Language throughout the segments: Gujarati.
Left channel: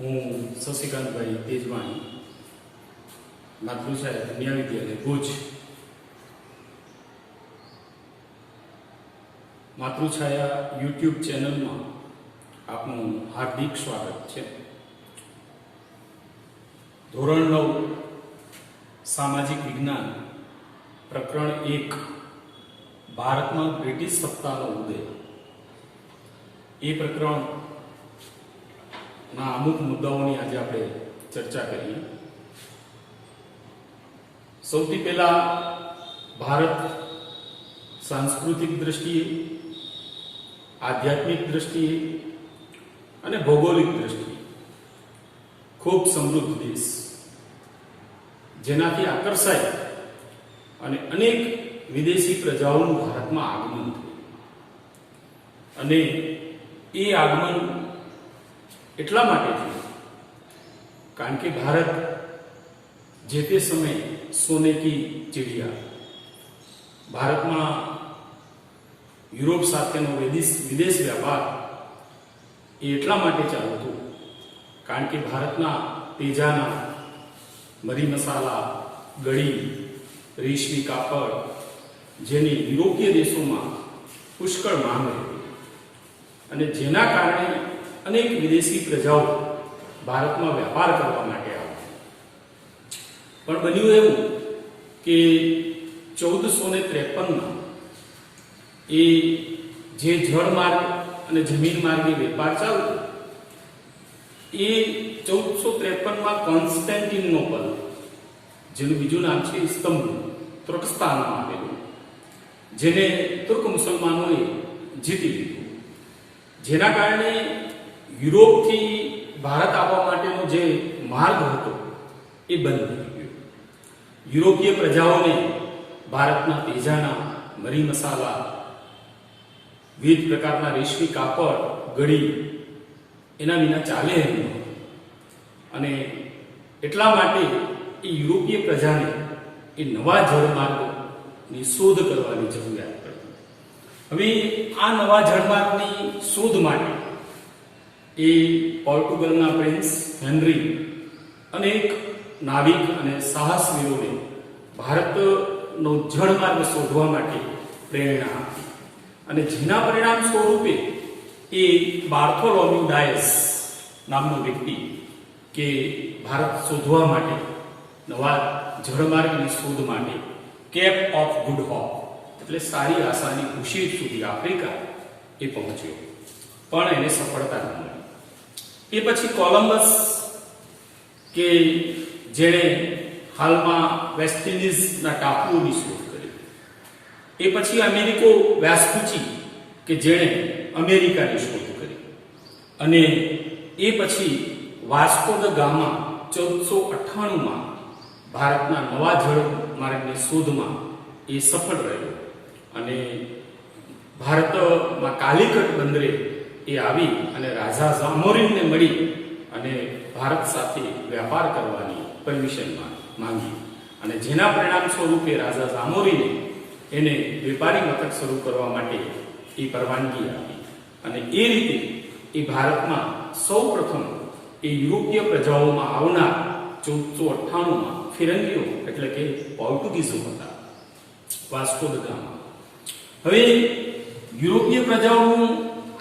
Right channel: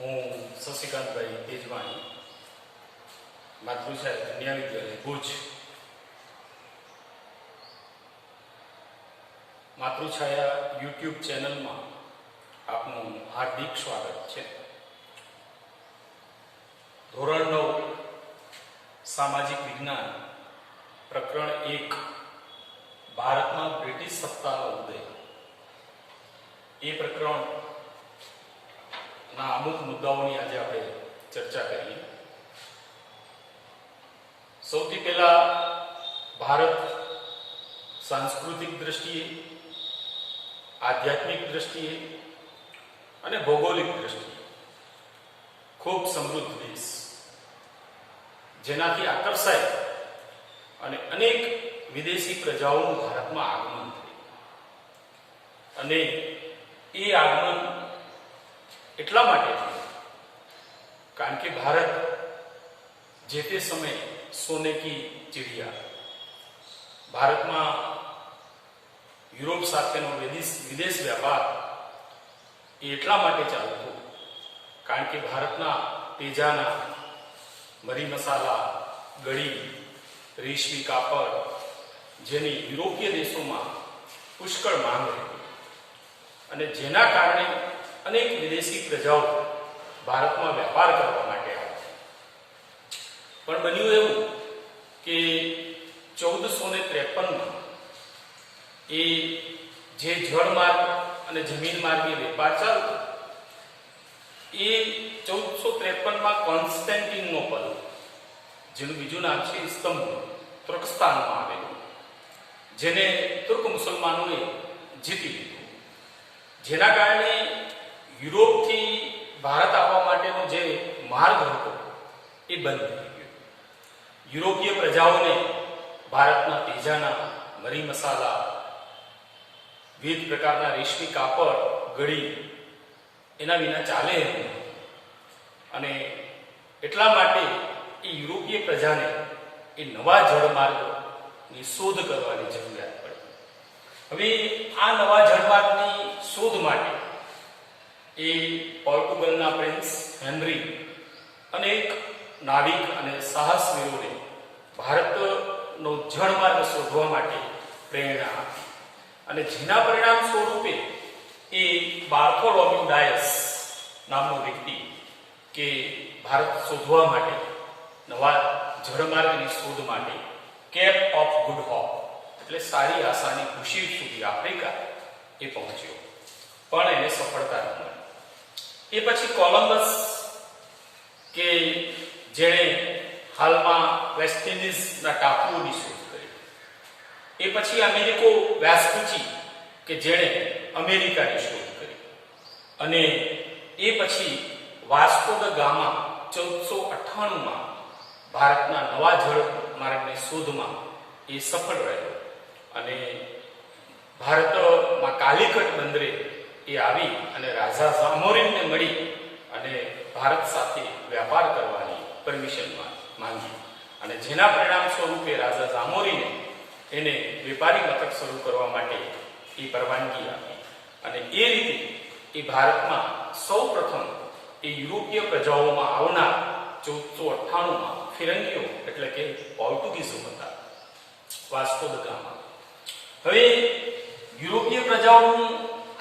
હું શશિકાંતભાઈ તેજવાણી, માતૃશાળા કન્યા વિદ્યાલય ભુજ. માતૃછાયા યુટ્યુબ ચેનલમાં આપનું હાર્દિક સ્વાગત છે. ધોરણ 9 સામાજિક વિજ્ઞાન પ્રકરણ 1 ભારતમાં બ્રિટિશ સત્તાનો ઉદય, એ પ્રકરણ ના અમુક મુદ્દાઓની આજે આપણે ચર્ચા કરીએ. સૌથી પહેલા ભારત સાંસ્કૃતિક દ્રષ્ટિએ, આધ્યાત્મિક દ્રષ્ટિએ અને ભૌગોલિક દ્રષ્ટિએ ખૂબ સમૃદ્ધ દેશ, જેનાથી આકર્ષાય અને અનેક વિદેશી પ્રજાઓનું ભારતમાં આગમન થયું. અને એ આગમન એટલા માટે થયું કારણ કે ભારત જે તે સમયે સોને કી ચિડિયા, ભારતમાં યુરોપ સાથેનો વિદેશ વ્યાપાર એ એટલા માટે ચાલતો કારણ કે ભારતના તેજાના મરી મસાલા, ગળી, રેશમી કાપડ જેની યુરોપીય દેશોમાં પુષ્કળ માંગ હતી અને જેના કારણે અનેક વિદેશી પ્રજાઓ ભારતમાં વેપાર કરવા માટે આવતી. પણ બન્યું એવું કે 1453માં એ જે જળ માર્ગ અને જમીન માર્ગે વેપાર ચાલતો, એ 1453માં કોન્સ્ટેન્ટિનોપલ, જેનું બીજું નામ છે ઇસ્તંબુલ, તુર્કસ્તાનમાં આવેલું, જેને તુર્ક મુસલમાનોએ જીતી લીધું. જેના કારણે યુરોપથી ભારત આવવા માટેનો જે માર્ગ હતો એ બંધ થઈ ગયો. યુરોપીય પ્રજાઓને ભારતના તેજાના મરી મસાલા, વિવિધ પ્રકારના રેશમી કાપડ, ગળી એના વિના ચાલે એમ નહોતું. અને એટલા માટે એ યુરોપીય પ્રજાને એ નવા જળમાર્ગની શોધ કરવાની જરૂરિયાત પડી. હવે આ નવા જળમાર્ગની શોધ માટે એ પોર્ટુગલના પ્રિન્સ હેનરી અનેક નાવિક અને સાહસવીરોને ભારતનો જળમાર્ગ શોધવા માટે પ્રેરણા આપી. અને જેના પરિણામ સ્વરૂપે એ બાર્થોલોમ્યુ ડાયસ નામનો વ્યક્તિ કે ભારત શોધવા માટે, નવા જળમાર્ગની શોધ માટે કેપ ઓફ ગુડ હોપ એટલે સારી આશાની ખુશી સુધી આફ્રિકા એ પહોંચ્યો, પણ એને સફળતા ન મળી. એ પછી કોલમ્બસ કે જેણે હાલમાં વેસ્ટ ઇન્ડિઝના ટાપુઓની શોધ કરી, એ પછી અમેરિકો વેસ્પુચી કે જેણે અમેરિકાની શોધ કરી, અને એ પછી વાસ્કો દ ગામા 1498માં ભારતના નવા જળ માર્ગની શોધમાં એ સફળ રહ્યો અને ભારતમાં કાલિકટ બંદરે એ આવી અને રાજા ઝામોરિનને મળી અને ભારત સાથે વેપાર કરવાની પરમિશન માંગી. અને જેના પરિણામ સ્વરૂપે રાજા ઝામોરિને એને વેપારી મથક શરૂ કરવા માટે એ પરવાનગી આપી. અને એ રીતે એ ભારતમાં સૌ પ્રથમ એ યુરોપીય પ્રજાઓમાં આવનાર 1498માં ફિરંગીઓ એટલે કે પોર્ટુગીઝો હતા, વાસ્કો દ ગામા. હવે યુરોપીય પ્રજાઓનું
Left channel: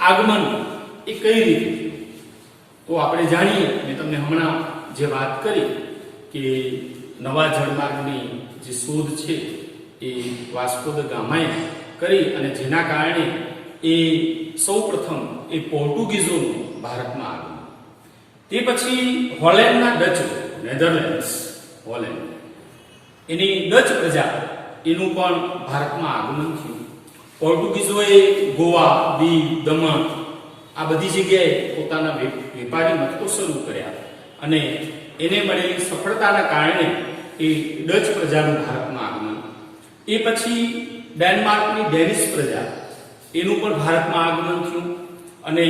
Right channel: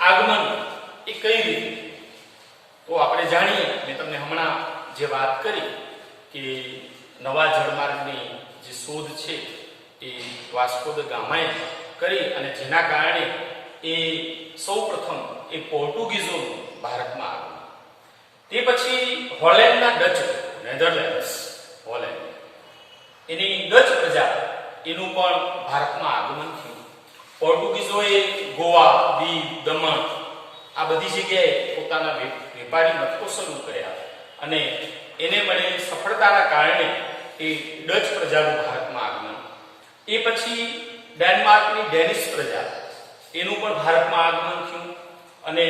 આગમન એ કઈ રીતે, તો આપણે જાણીએ. મેં તમને હમણાં જે વાત કરી કે નવા જળમાર્ગની જે શોધ છે એ વાસ્કો દ ગામાએ કરી અને જેના કારણે એ સૌ પ્રથમ એ પોર્ટુગીઝોનું ભારતમાં આગમન. તે પછી હોલેન્ડના ડચ, નેધરલેન્ડ્સ, હોલેન્ડ, એની ડચ પ્રજા એનું પણ ભારતમાં આગમન થયું. પોર્ટુગીઝોએ ગોવા, દીવ, દમણ આ બધી જગ્યાએ પોતાના વેપારી મથકો શરૂ કર્યા અને એને મળેલી સફળતાના કારણે એ ડચ પ્રજાનું ભારતમાં આગમન. એ પછી ડેનમાર્કની ડેનિશ પ્રજા એનું પણ ભારતમાં આગમન થયું અને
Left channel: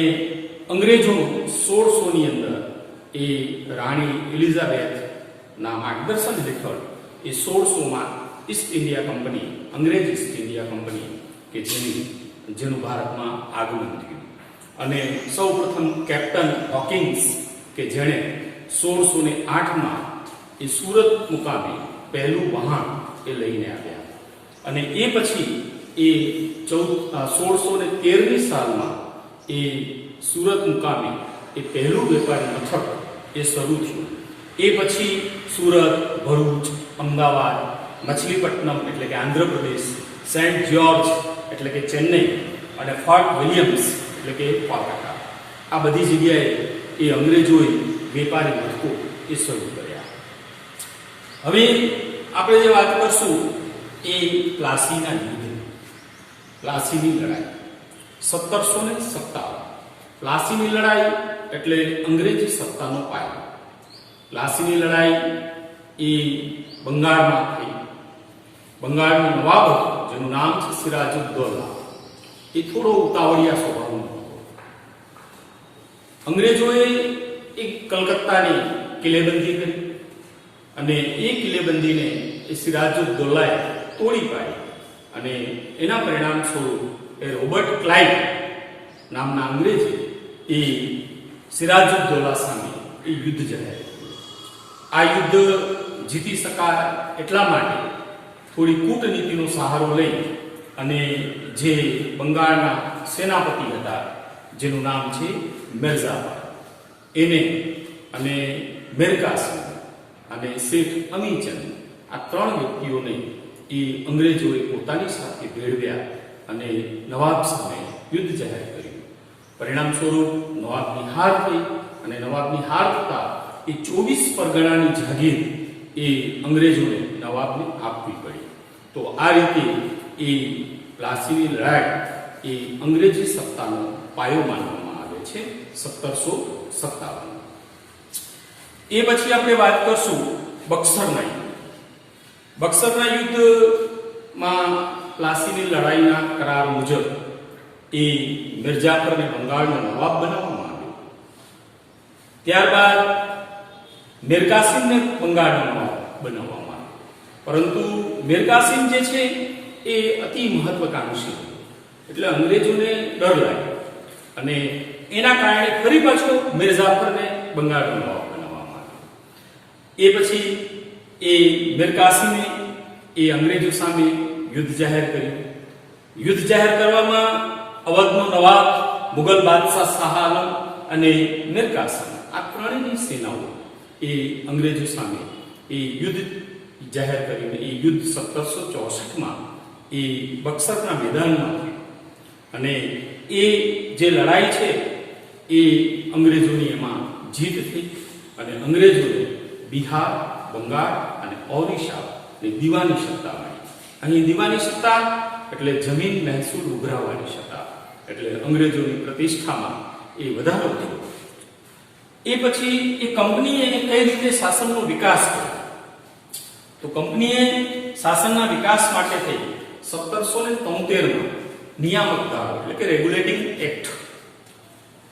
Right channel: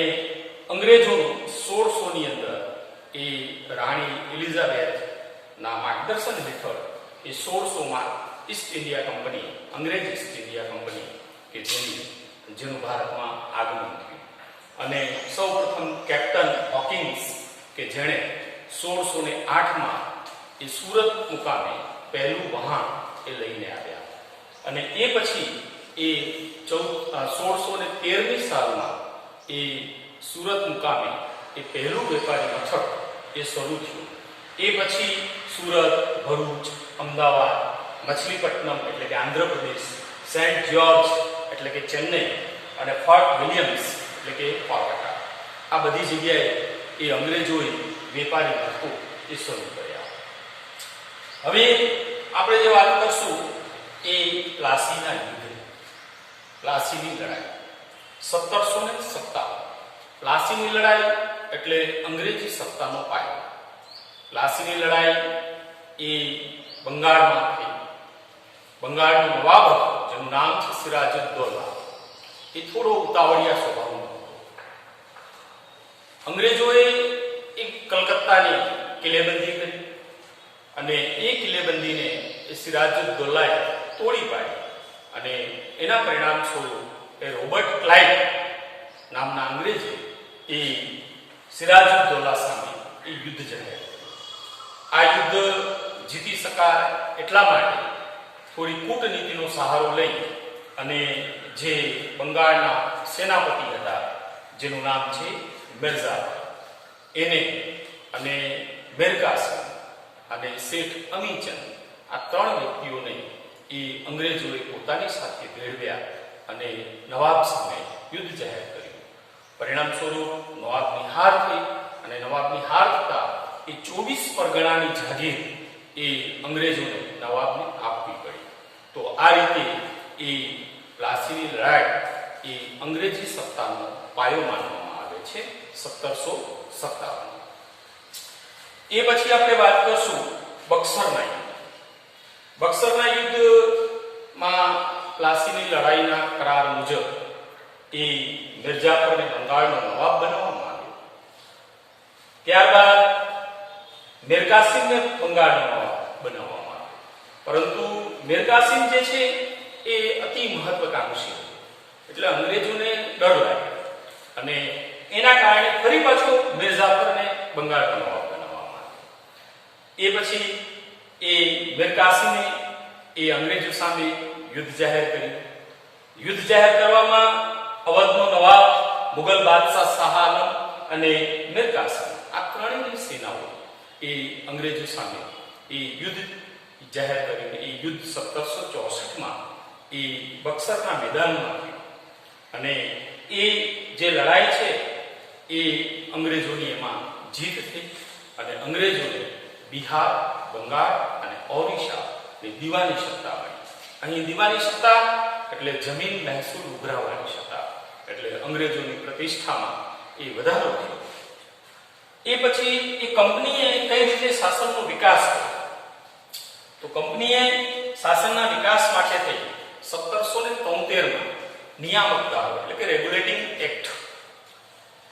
અંગ્રેજોનું 1600ની અંદર એ રાણી એલિઝાબેથના માર્ગદર્શન હેઠળ એ 1600માં ઈસ્ટ ઇન્ડિયા કંપની, અંગ્રેજ ઈસ્ટ ઇન્ડિયા કંપની કે જેનું ભારતમાં આગમન થયું. અને સૌપ્રથમ કેપ્ટન હોકિંગ્સ કે જેણે 1608માં એ સુરત મુકામે પહેલું વહાણ એ લઈને આવ્યા અને એ પછી એ 1613ની સાલમાં એ સુરત મુકામે એ પહેલું વેપારી મથક એ શરૂ થયું. એ પછી સુરત, ભરૂચ, અમદાવાદ, મછલીપટ્ટનમ એટલે કે આંધ્રપ્રદેશ, સેન્ટ જ્યોર્જ એટલે કે ચેન્નઈ અને ફોર્ટ વિલિયમ્સ એટલે કે કોલકાતા, આ બધી જગ્યાએ એ અંગ્રેજોએ વેપારી મથકો એ શરૂ કર્યા. હવે આપણે જે વાત કરશું એ પ્લાસીના યુદ્ધ, પ્લાસીની લડાઈ 1757. પ્લાસીની લડાઈ એટલે અંગ્રેજી સત્તાનો પાયો. પ્લાસીની લડાઈ એ બંગાળમાં થઈ. બંગાળનો નવાબ હતો જેનું નામ છે સિરાજુદ્દૌલા. એ થોડો ઉતાવળિયા સ્વભાવનો હતો. અંગ્રેજોએ એક કલકત્તાની કિલ્લેબંધી કરી અને એ કિલ્લેબંધીને એ સિરાજુદ્દૌલાએ તોડી પાડી અને એના પરિણામ સ્વરૂપ એ રોબર્ટ ક્લાઇવ નામના અંગ્રેજે એ સિરાજુદ્દૌલા સામે એ યુદ્ધ જાહેર કર્યું. આ યુદ્ધ જીતી શકાય એટલા માટે થોડી કૂટનીતિનો સહારો લઈ અને જે બંગાળના સેનાપતિ હતા જેનું નામ છે મિર્ઝાબાઈ, એને અને મિરકાસિમ અને શેઠ અમીચંદ, આ 3 વ્યક્તિઓને એ અંગ્રેજોએ પોતાની સાથે ભેળવ્યા અને નવાબ સામે યુદ્ધ જાહેર કર્યું. પરિણામ સ્વરૂપ નવાબની હાર થઈ અને નવાબની હાર થતા એ 24 પરગણાની જાગીર એ અંગ્રેજોને નવાબને આપવી પડી. તો આ રીતે એ પ્લાસીની લડાઈ એ અંગ્રેજી સત્તાનો પાયો માનવામાં આવે છે 1757. એ પછી આપણે વાત કરશું બક્સરના યુદ્ધ. બક્સરના યુદ્ધમાં પ્લાસીની લડાઈના કરાર મુજબ એ મિર્જાફરને બંગાળનો નવાબ બનાવવામાં આવ્યો. ત્યારબાદ મિરકાસિમને બંગાળનો નવાબ બનાવવામાં આવ્યો. પરંતુ મિરકાસિમ જે છે એ અતિ મહત્વકાંક્ષી હતો એટલે અંગ્રેજોને ડર લાગ્યો અને એના કારણે ફરી પાછો મિર્જાફરને બંગાળનો નવાબ બનાવવામાં આવ્યો. એ પછી એ મિરકાસિમે એ અંગ્રેજો સામે યુદ્ધ જાહેર કર્યું. યુદ્ધ જાહેર કરવામાં અવધનો નવાબ, મુગલ બાદશાહ શાહ આલમ અને મિરકાસિમ, આ ત્રણેયની સેનાઓ એ અંગ્રેજો સામે એ યુદ્ધ જાહેર કરીને એ યુદ્ધ 1764માં એ બક્સરના મેદાનમાં થયું અને એ જે લડાઈ છે એ અંગ્રેજોની એમાં જીત થઈ અને અંગ્રેજોને બિહાર, બંગાળ અને ઓરિસ્સા ની દીવાની સત્તા મળી. અહીં દીવાની સત્તા એટલે જમીન મહેસૂલ ઉઘરાવવાની સત્તા, એટલે અંગ્રેજોની પ્રતિષ્ઠામાં એ વધારો થયો. એ પછી એ કંપનીએ કઈ રીતે શાસનનો વિકાસ કર્યો? તો કંપનીએ શાસનના વિકાસ માટે થઈ 1773માં નિયામક ધારો એટલે કે રેગ્યુલેટિંગ એક્ટ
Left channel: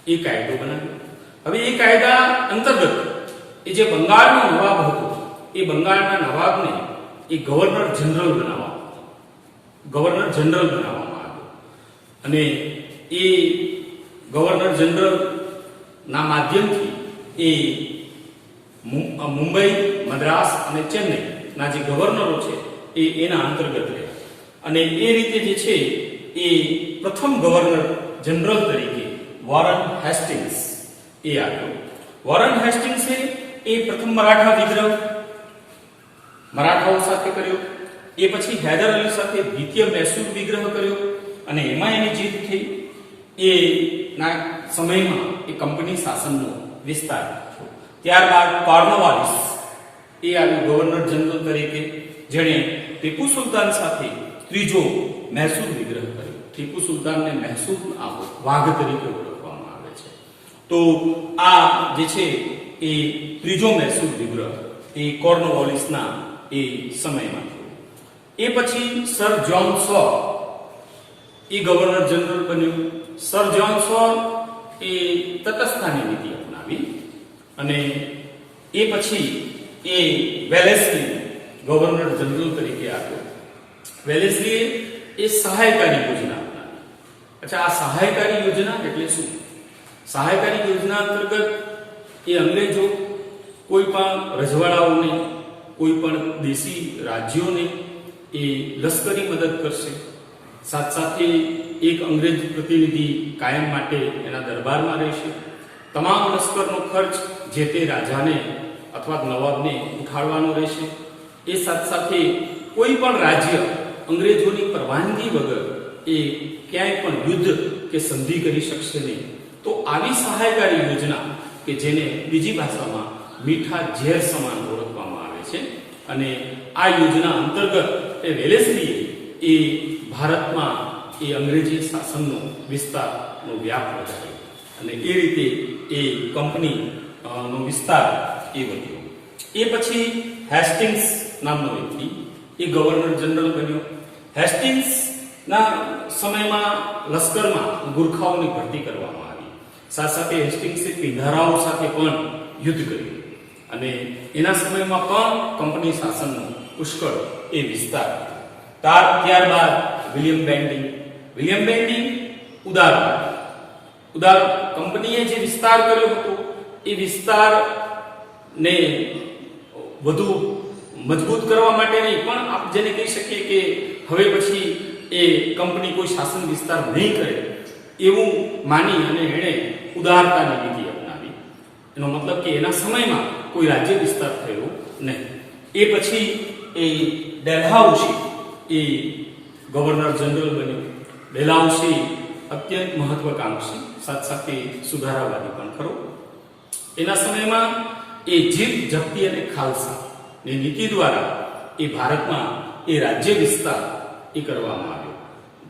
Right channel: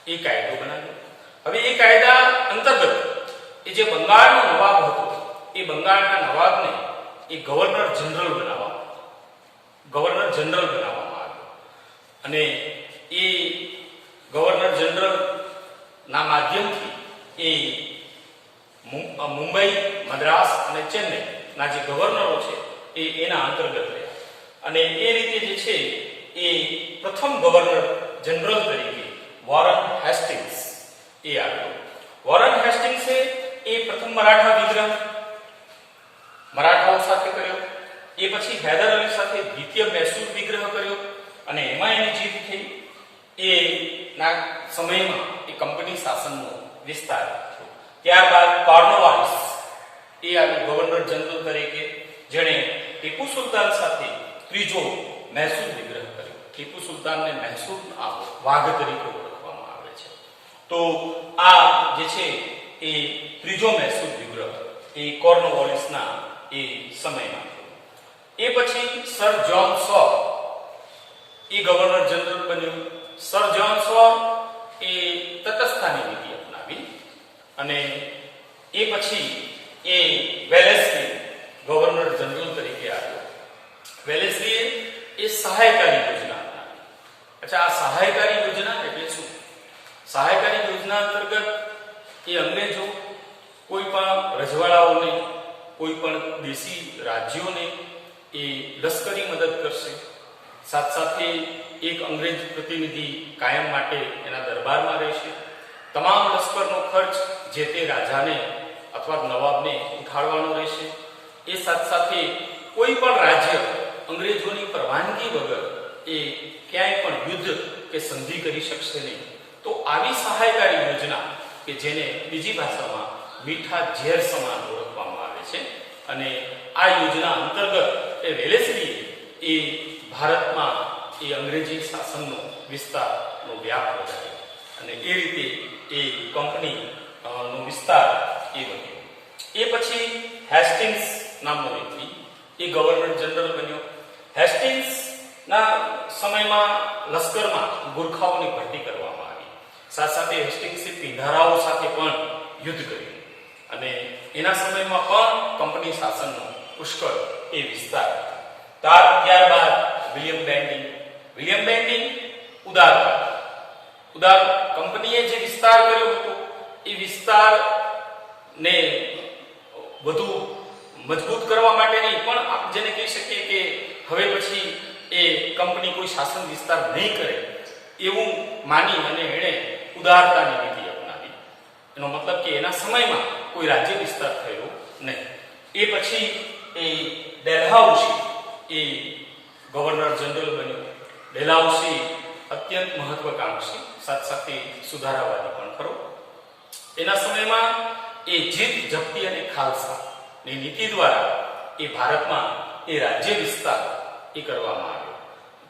એ કાયદો બનાવ્યો. હવે એ કાયદા અંતર્ગત એ જે બંગાળનો નવાબ હતો એ બંગાળના નવાબને એ ગવર્નર જનરલ બનાવવામાં આવ્યો અને એ ગવર્નર જનરલ ના માધ્યમથી એ મુંબઈ, મદ્રાસ અને ચેન્નઈ ના જે ગવર્નરો છે એ એના અંતર્ગત રહ્યા અને એ રીતે જે છે એ પ્રથમ ગવર્નર જનરલ તરીકે વોરન હેસ્ટિંગ્સ એ આવ્યો. વોરન હેસ્ટિંગ્સે એ પ્રથમ મરાઠા વિગ્રહ મરાઠાઓ સાથે કર્યો. એ પછી હૈદર અલી સાથે દ્વિતીય મૈસૂર વિગ્રહ કર્યો અને એમાં એની જીત થઈ. એ ના સમયમાં એ કંપની શાસનનો વિસ્તાર થયો. ત્યારબાદ કોર્નવાલિસ એ આવ્યું ગવર્નર જનરલ તરીકે, જેણે ટીપુ સુલતાન સાથે ત્રીજો મૈસૂર વિગ્રહ કર્યો. ટીપુ સુલતાનને મૈસૂર વાઘ તરીકે ઓળખવામાં આવે છે. તો આ જે છે એ ત્રીજો મૈસૂર વિગ્રહ એ કોર્નવાલિસના એ સમયમાં થયો. એ પછી સર જ્હોન સો એ ગવર્નર જનરલ બન્યો. સર જ્હોન સો એ તટસ્થતાની નીતિ અપનાવી અને એ પછી એ વેલેસ્લી ગવર્નર જનરલ તરીકે આવ્યો. વેલેસ્લીએ એ સહાયકારી યોજના અપનાવી. અચ્છા, આ સહાયકારી યોજના એટલે શું? સહાયકારી યોજના અંતર્ગત એ અંગ્રેજો કોઈ પણ રજવાડાઓને, કોઈ પણ દેશી રાજ્યોને એ લશ્કરી મદદ કરશે. સાથે એક અંગ્રેજ પ્રતિનિધિ કાયમ માટે એના દરબારમાં રહેશે. તમામ લશ્કરનો ખર્ચ જે તે રાજાને અથવા નવાબને ઉઠાડવાનો રહેશે. એ સાથે કોઈ પણ રાજ્ય અંગ્રેજોની પરવાનગી વગર એ ક્યાંય પણ યુદ્ધ કે સંધિ કરી શકશે નહીં. તો આવી સહાયકારી યોજના કે જેને બીજી ભાષામાં મીઠા ઝેર સમાન ઓળખવામાં આવે છે, અને આ યોજના અંતર્ગત એ વેલેસ્લીએ એ ભારતમાં એ અંગ્રેજી શાસનનો વિસ્તારનો વ્યાપ વધાર્યો અને એ રીતે એ કંપની નો વિસ્તાર એ વધ્યો. એ પછી હેસ્ટિંગ્સ નામનો વ્યક્તિ એ ગવર્નર જનરલ બન્યો. હેસ્ટિંગ્સના સમયમાં લશ્કરમાં ગુરખાઓની ભરતી કરવામાં આવી. સાથે હેસ્ટિંગ્સે પિંધારાઓ સાથે પણ યુદ્ધ કર્યું અને એના સમયમાં પણ કંપની શાસનનો પુષ્કળ એ વિસ્તાર. ત્યારબાદ વિલિયમ બેન્ડિંગ ઉદાર કંપનીએ જે વિસ્તાર કર્યો હતો એ વિસ્તારને વધુ મજબૂત કરવા માટે નહીં, પણ આપ જેને કહી શકીએ કે હવે પછી એ કંપની કોઈ શાસન વિસ્તાર નહીં કરે એવું માની અને એણે ઉદારતાની નીતિ અપનાવી. એનો મતલબ કે એના સમયમાં કોઈ રાજ્ય વિસ્તાર થયો નહીં. એ પછી એ ડેલહાઉસી એ ગવર્નર જનરલ બન્યો. ડેલહાઉસી અત્યંત મહત્વકાંક્ષી, સાથે સુધારાવાદી પણ ખરો. એના સમયમાં એ જીત, જપ્તી અને ખાલસા ની નીતિ દ્વારા એ ભારતમાં એ રાજ્ય વિસ્તાર એ કરવામાં આવ્યો.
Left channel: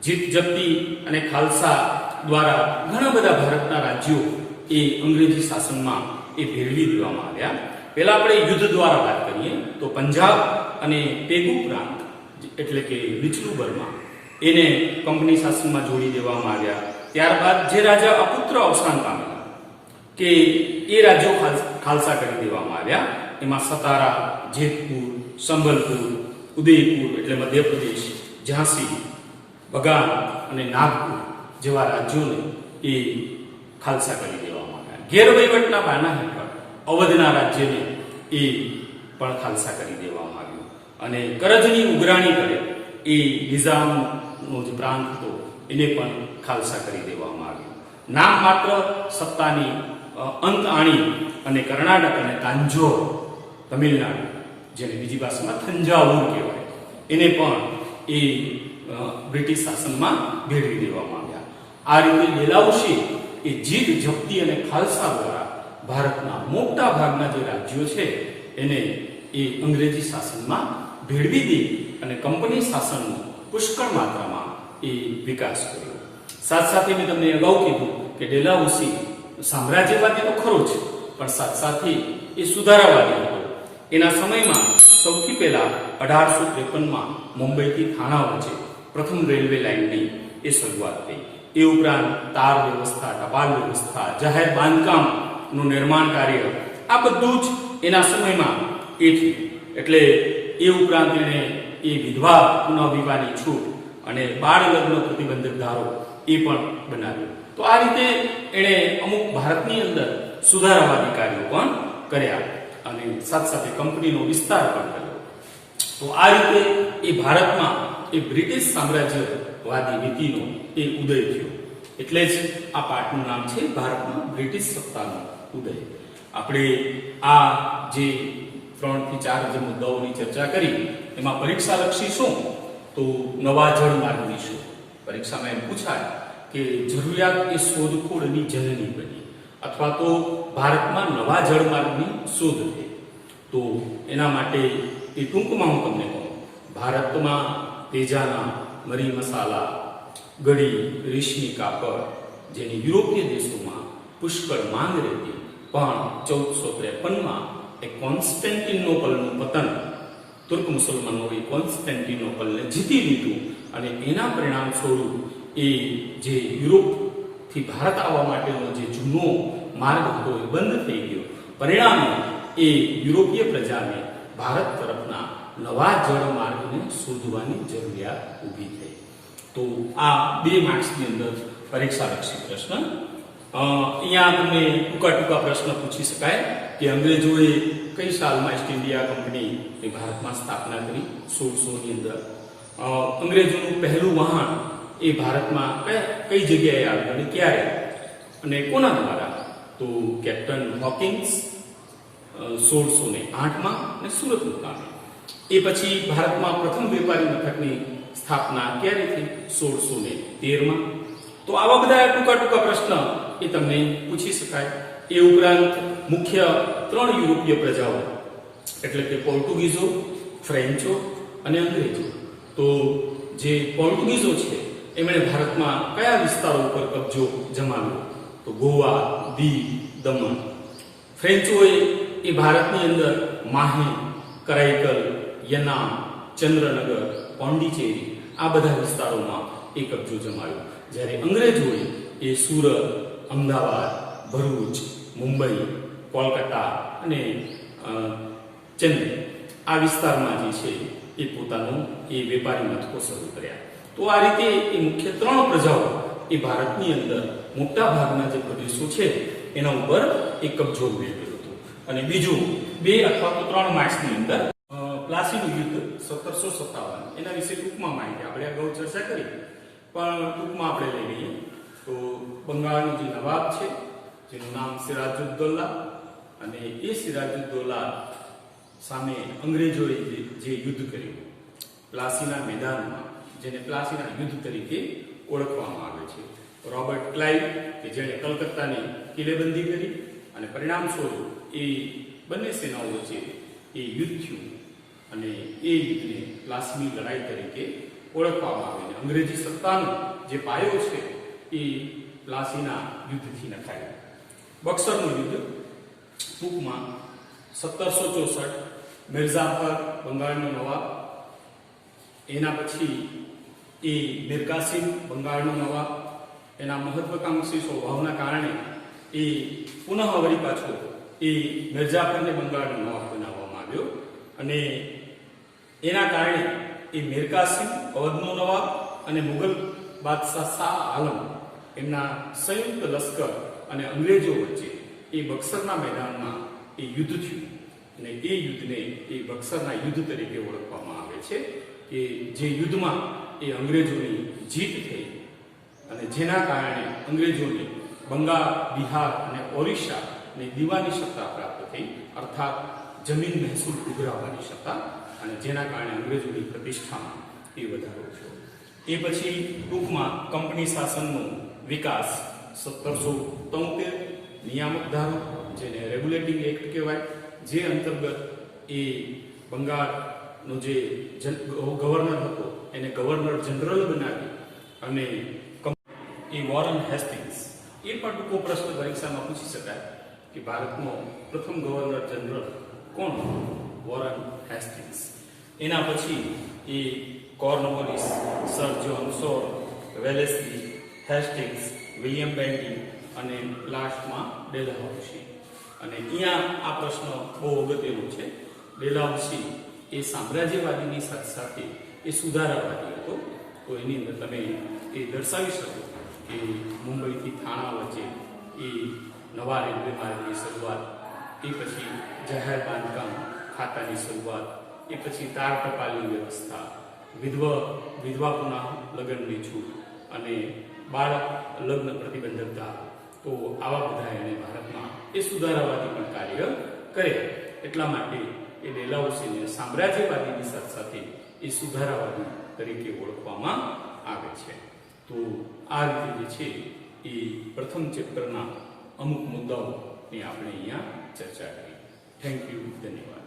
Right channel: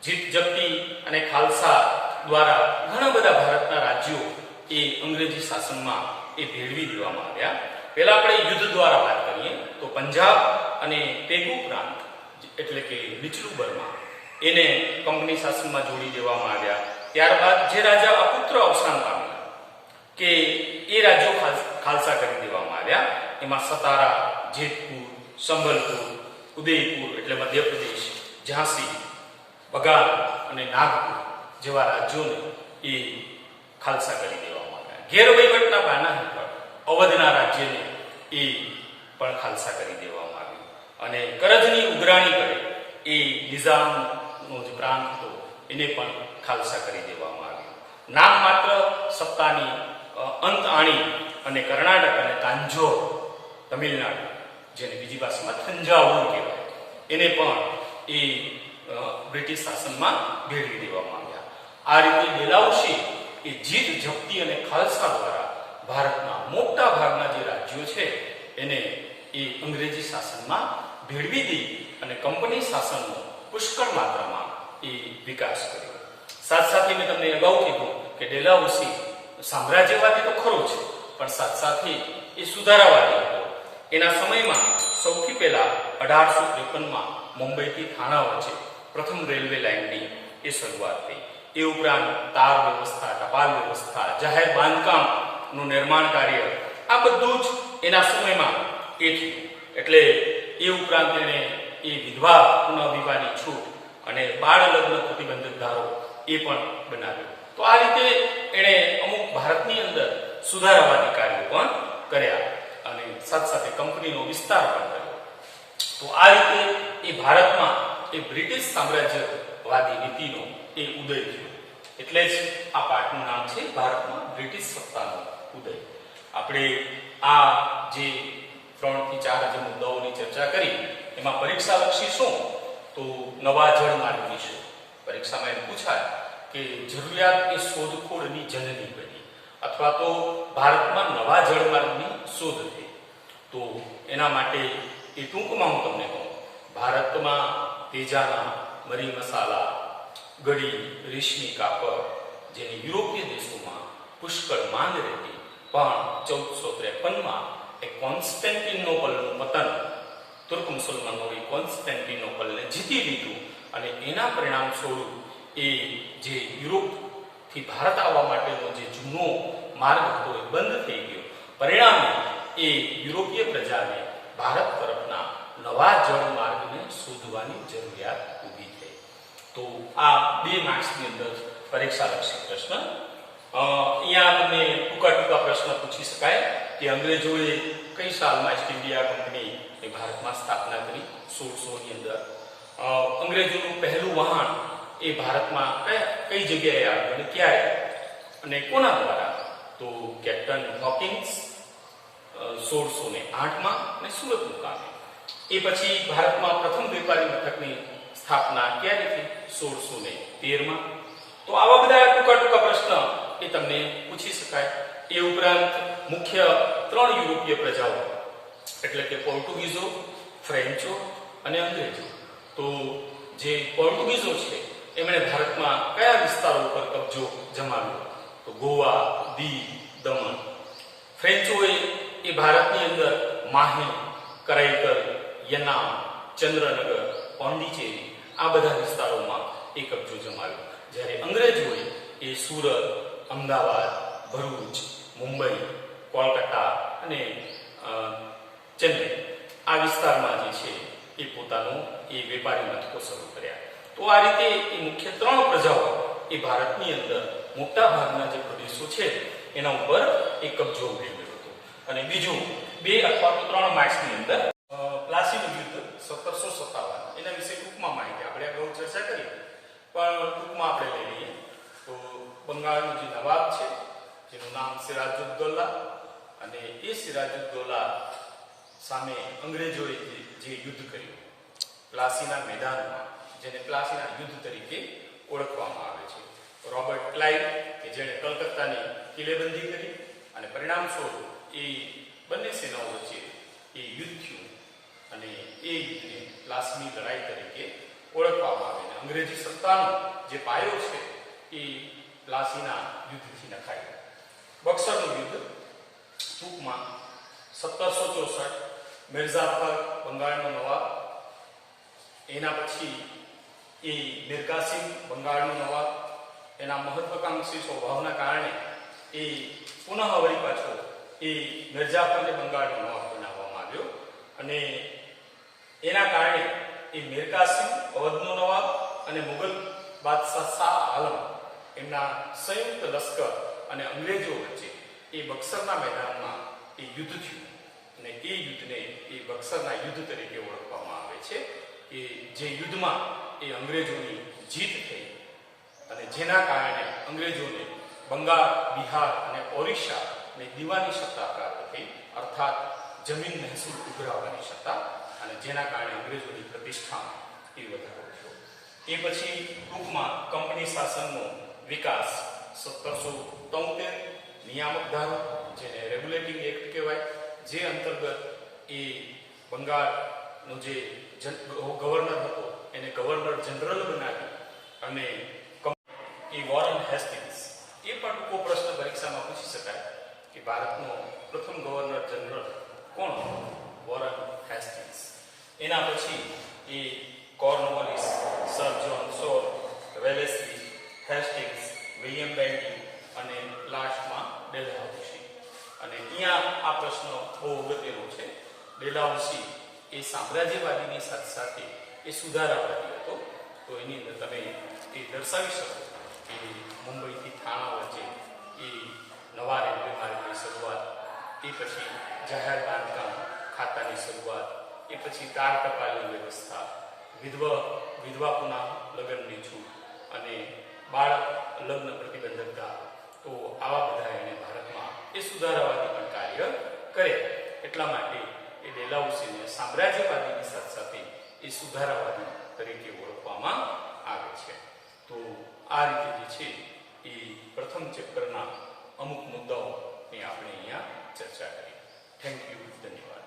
જીત, જપ્તી અને ખાલસા દ્વારા ઘણા બધા ભારતના રાજ્યો એ અંગ્રેજી શાસનમાં એ ભેળવી દેવામાં આવ્યા. પહેલા આપણે યુદ્ધ દ્વારા વાત કરીએ તો પંજાબ અને તેગુ પ્રાંત એટલે કે નીચલું બર્મા એને કંપની શાસનમાં જોડી દેવામાં આવ્યા. ત્યારબાદ જે રાજા અપુત્ર અવસાન પામેલા કે એ રાજ્યો ખાલસા કરી દેવામાં આવ્યા. એમાં સતારા, જેતપુર, સંભલપુર, ઉદયપુર એટલે મધ્યપ્રદેશ, ઝાંસી, બગાન અને નાગપુર જેવા રાજ્યોને એ ખાલસા કરી દેવામાં આવ્યા. ગેરવહીવટના બહાના હેઠળ અવધના રાજ્યને એ પણ ખાલસા કરી દેવામાં આવ્યું અને કરજની ઉઘરાણી કરે એ નિઝામનો જે પ્રાંત હતો એને પણ ખાલસા કરી દેવામાં આવ્યું. નામ માત્ર સત્તાની અંત આણી અને કર્ણાટક અને તાંજોર તમિલનાડુ, જેને બીજી ભાષામાં થંજાવુર કહેવાય, એને પણ એ બ્રિટિશ શાસનમાં ભેળવી દેવામાં આવ્યા. આ રીતે ડેલહાઉસી એ જીત, જપ્તી અને ખાલસા દ્વારા ભારતના મોટા ભાગના જે રાજ્યો છે એને એ અંગ્રેજી શાસનમાં ભેળવી દે અને કંપની શાસનનો પુષ્કળ માત્રામાં એ વિકાસ કર્યો. સાથે મેં તમને અગાઉ કીધું કે ડેલહાઉસી સામ્રાજ્યવાદી તો ખરો છે, પણ સાથે એ સુધારાવાદી હતો. એના સમયમાં સૌથી પહેલા 1853માં મુંબઈથી થાણા વચ્ચે પ્રથમ રેલવે લાઇનની એ શરૂઆત થઈ. એ ઉપરાંત તાર વ્યવસ્થા, ટપાલ વ્યવસ્થા, જાહેર બાંધકામનું નિર્માણ કાર્ય, આ બધું જ એના સમયમાં એ થયું. એટલે એ ઉપરાંત એણે એ વિધવા પુનઃવિવાહની છૂટ અને બાળ લગ્ન પ્રતિબંધક ધારો એ પણ બનાવ્યો. તો આ રીતે એણે અમુક ભારતની અંદર સુધારાવાદી કાર્યો પણ કર્યા અને સાથે કંપનીનો વિસ્તાર પણ કર્યો. તો આ રીતે એ ભારતમાં એ બ્રિટિશ સામ્રાજ્યવાદી નીતિનો એ ઉદય થયો. એટલે જ આ પાઠનું નામ છે ભારતમાં બ્રિટિશ સત્તાનો ઉદય. આપણે આ જે 3 થી 4 જે મુદ્દાઓની ચર્ચા કરી એમાં પરીક્ષાલક્ષી શું, તો નવા જળમાર્ગની શોધ. પરીક્ષામાં એમ પૂછાય કે જરૂરિયાત એ શોધખોળની જનની બની, અથવા તો ભારતમાં નવા જળમાર્ગની શોધ થઈ. તો એના માટે એ ટૂંકમાં હું તમને કહું, ભારતમાં તેજાના, મરી મસાલા, ગળી, રેશમી કાપડ જેની યુરોપીય દેશોમાં પુષ્કળ માંગ રહેતી, પણ 1453માં એ કોન્સ્ટેન્ટિનોપલનું પતન, તુર્ક મુસલમાનોએ કોન્સ્ટેન્ટિનોપલને જીતી લીધું અને એના પરિણામ સ્વરૂપ એ જે યુરોપથી ભારત આવવા માટેનો જે જૂનો માર્ગ હતો એ બંધ થઈ ગયો. પરિણામે એ યુરોપીય પ્રજાને ભારત તરફના નવા જળમાર્ગને શોધવાની જરૂરિયાત ઊભી થઈ. તો આ 2 માર્ક્સની અંદર પરીક્ષાલક્ષી પ્રશ્ન અહીંયા તમને ટૂંકા પ્રશ્ન પૂછી શકાય કે અંગ્રેજોએ કઈ સાલમાં ઈસ્ટ ઇન્ડિયા કંપની એ ભારતમાં સ્થાપના કરી? 1600 ની અંદર. અંગ્રેજોનું પહેલું વહાણ એ ભારતમાં કઈ જગ્યાએ આવ્યું અને ક્યારે અને કોના દ્વારા? તો કેપ્ટન હોકિન્સ 1608માં અને સુરત મુકામે. એ પછી ભારતમાં પ્રથમ વેપારી મથકની સ્થાપના ક્યારે થઈ? 1613માં. તો આવા બધા ટૂંકા પ્રશ્ન એ તમને પૂછી શકાય. એ ઉપરાંત મુખ્ય 3 યુરોપીય પ્રજાઓ એટલે કે પોર્ટુગીઝો, ફ્રેન્ચો અને અંગ્રેજો. તો જે પોર્ટુગીઝો છે એમણે ભારતમાં કયા વિસ્તારો ઉપર કબજો જમાવ્યો? તો ગોવા, દીવ, દમણ. ફ્રેન્ચોએ એ ભારતની અંદર માહે, કરાઈકલ, યનામ, ચંદ્રનગર, પોંડિચેરી આ બધા વિસ્તારોમાં એ કબજો જમાવ્યો. જ્યારે અંગ્રેજોએ એ સુરત, અમદાવાદ, ભરૂચ, મુંબઈ, કોલકાતા અને ચેન્નઈ આ વિસ્તારમાં જે છે એ પોતાનું એ વેપારી મથકો શરૂ કર્યા. તો આ રીતે એ મુખ્ય 3 પ્રજાઓ એ ભારતની અંદર મોટા ભાગના જે પ્રદેશો છે એના ઉપર એ કબજો મેળવ્યો હતો. અને બીજું 2 અથવા તો 3 માર્ચની અંદર પ્લાસીનું યુદ્ધ 1757 એના વિશે ટૂંકમાં માહિતી આપણે અગાઉ ચર્ચા કરી, પણ ટૂંકમાં આપણે લઈ લઈએ. તો બંગાળનો જે નવાબ છે જેનું નામ સિરાજુદ્દૌલા, અને એ સિરાજુદ્દૌલા સામે અંગ્રેજોએ જે યુદ્ધ કર્યું પ્લાસીના મેદાનમાં, જેને પ્લાસીના યુદ્ધ તરીકે ઓળખવામાં આવે છે. રોબર્ટ ક્લાઇવ કે જેણે કલકત્તાની કિલ્લેબંધી કરી અને પરિણામ સ્વરૂપ એ બંને સેનાઓ વચ્ચે એ યુદ્ધ થયું અને એ યુદ્ધને પ્લાસીની લડાઈ તરીકે ઓળખવામાં આવે. અંગ્રેજી સત્તાનો જે પાયો છે એ પ્લાસીના યુદ્ધથી નખાયો. બક્સરનું યુદ્ધ ટૂંકમાં 1764 મિર્ઝાફર બંગાળનો નવાબ, એના પછી એ મીર કાસિમ બંગાળનો નવાબ, એના મહત્વાકાંક્ષી સ્વભાવના કારણે એ પુનઃ વળી પાછો એ મિર્ઝાફરને બંગાળનો નવાબ બનાવવામાં આવ્યો. અને એના કારણે એ મીર કાસિમ અવધનો નવાબ અને મુગલ બાદશાહ શાહ આલમ એમના સંયુક્ત લશ્કર અને અંગ્રેજો વચ્ચે એ બક્સરના મેદાનમાં એ યુદ્ધ થયું. અને એ યુદ્ધને એ બક્સરના યુદ્ધ તરીકે ઓળખવામાં આવે છે. કે જે યુદ્ધમાં એ અંગ્રેજોની જીત થઈ અને જેના કારણે અંગ્રેજોને બંગાળ, બિહાર અને ઓરિસ્સા ને દીવાની સત્તા પ્રાપ્ત થઈ, અર્થાત જમીન મહેસૂલ ઉઘરાવવાની સત્તા, અને જેના કારણે અંગ્રેજોની પ્રતિષ્ઠામાં એ વધારો થયો. એ પછી ટૂંકમાં કંપની શાસનનો વિકાસ 1773 નિયામક ધારો જેને રેગ્યુલેટિંગ એક્ટ કહેવાય, જે અંતર્ગત એ બંગાળનો જે ગવર્નર હતો એને ગવર્નર જનરલ બનાવી. અને એ વોરન હેસ્ટિંગ્સ, એ પણ ટૂંકો પ્રશ્ન પરીક્ષામાં પૂછી શકાય કે ભારતનો પ્રથમ ગવર્નર જનરલ કોણ? Warren Hastings. એના પછી એ કોર્નવોલિસ, સર જ્હોન સોર, વેલેસ્લી, હેસ્ટિંગ્સ, વિલિયમ બેન્ટી અને લાસ્ટમાં ડેલહાઉસી. અને અહીંયા આ પ્રશ્ન બહુ અગત્યનો છે. ડેલહાઉસી એ સામ્રાજ્યવાદીની સાથે સાથે એ સુધારાવાદી હતો. તો એની અંદર તમે એ દર્શાવી શકો કે મુંબઈથી થાણા વચ્ચે એ નવા રેલવે માર્ગની શરૂઆત, એ પછી જાહેર બાંધકામ ખાતાની શરૂઆત, એ પછી તાર ટપાલની વ્યવસ્થા, વિધવા પુનઃ લગ્નની છૂટ અને બાળ લગ્ન પ્રતિબંધક ધારો. તો આવા બધા એને ભારતમાં એ સુધારાવાદી પણ કાર્ય કરે. એટલા માટે એ ડેલહાઉસીને સામ્રાજ્યવાદીની સાથે સાથે એ સુધારાવાદી તરીકે ઓળખવામાં આવે છે. તો આ રીતે જે છે એ પ્રથમ ચેપ્ટરના અમુક મુદ્દાઓની આપણે અહીંયા ચર્ચા કરી. થેન્ક યુ, ધન્યવાદ.